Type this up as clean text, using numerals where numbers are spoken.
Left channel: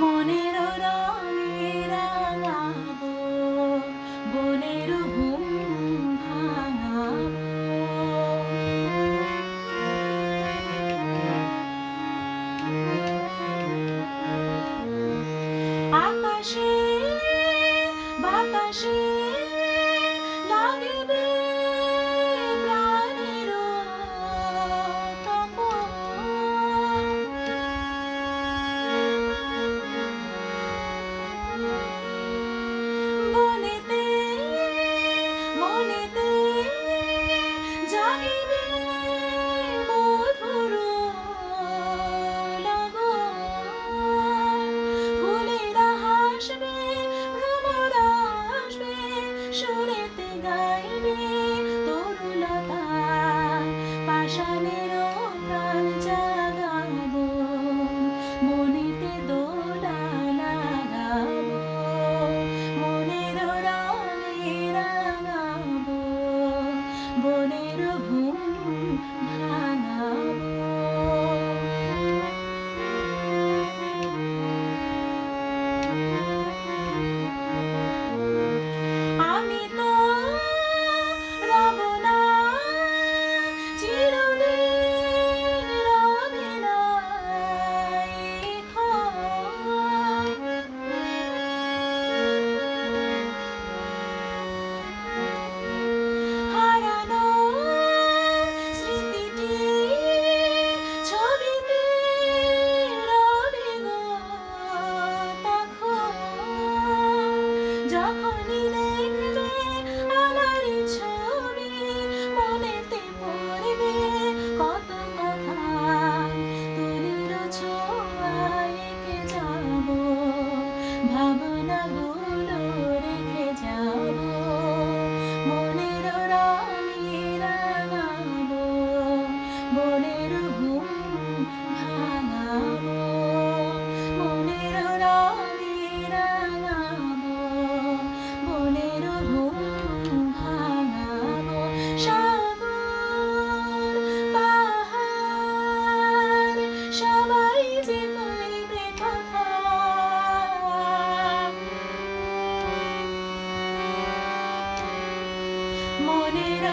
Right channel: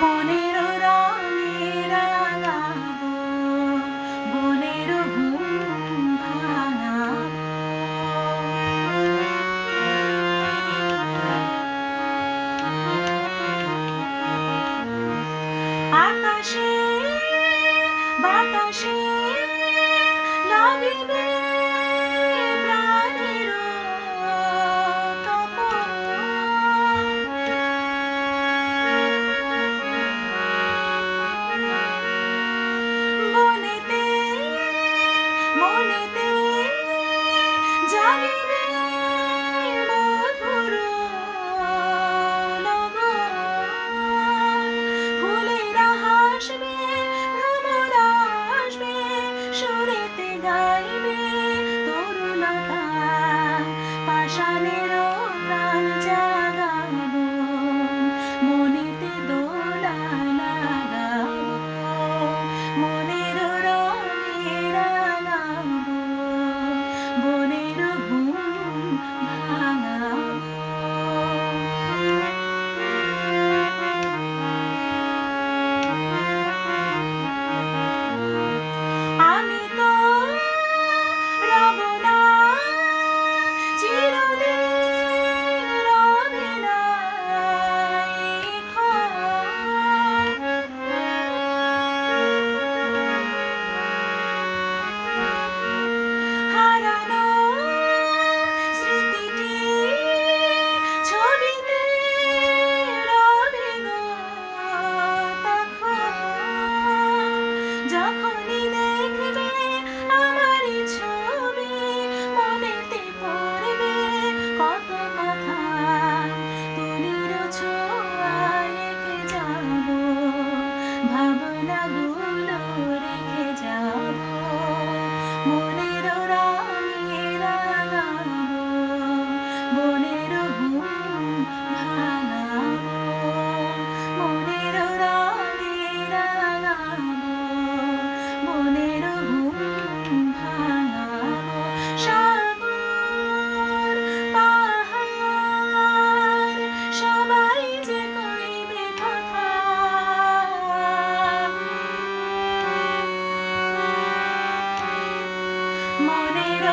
মনের রঙে রাঙাবো, বনের ঘুম ভাঙাবো। আকাশে বাতাসে লাগিবে প্রাণের তপন। বনেতে মনেতে জাগিবে মধুর লগন। ফুলেরা হাসবে, ভ্রমরা আসবে, সুরেতে গাইবে তরুলতা। পাষাণের প্রাণ জাগাবো, মনেতে দোলা লাগাবো। মনের রঙে রাঙাবো, বনের ঘুম ভাঙাবো। আমি তো রব না চিরদিন, রবে না এই ক্ষণ। হারানো স্মৃতিটি ছবিতে রবে গো তখন। যখনই দেখবে আমার ছবি, মনেতে পড়বে কত কথা। তুলির ছোঁয়ায় এঁকে যাব, ভাবনাগুলো রেখে যাব। মনের রঙে রাঙাবো, বনের ঘুম ভাঙাবো। মনের রঙে রাঙাবো, বনের ঘুম ভাঙাবো। সাগর পাহাড় সবাই যে কইবে কথা। মনের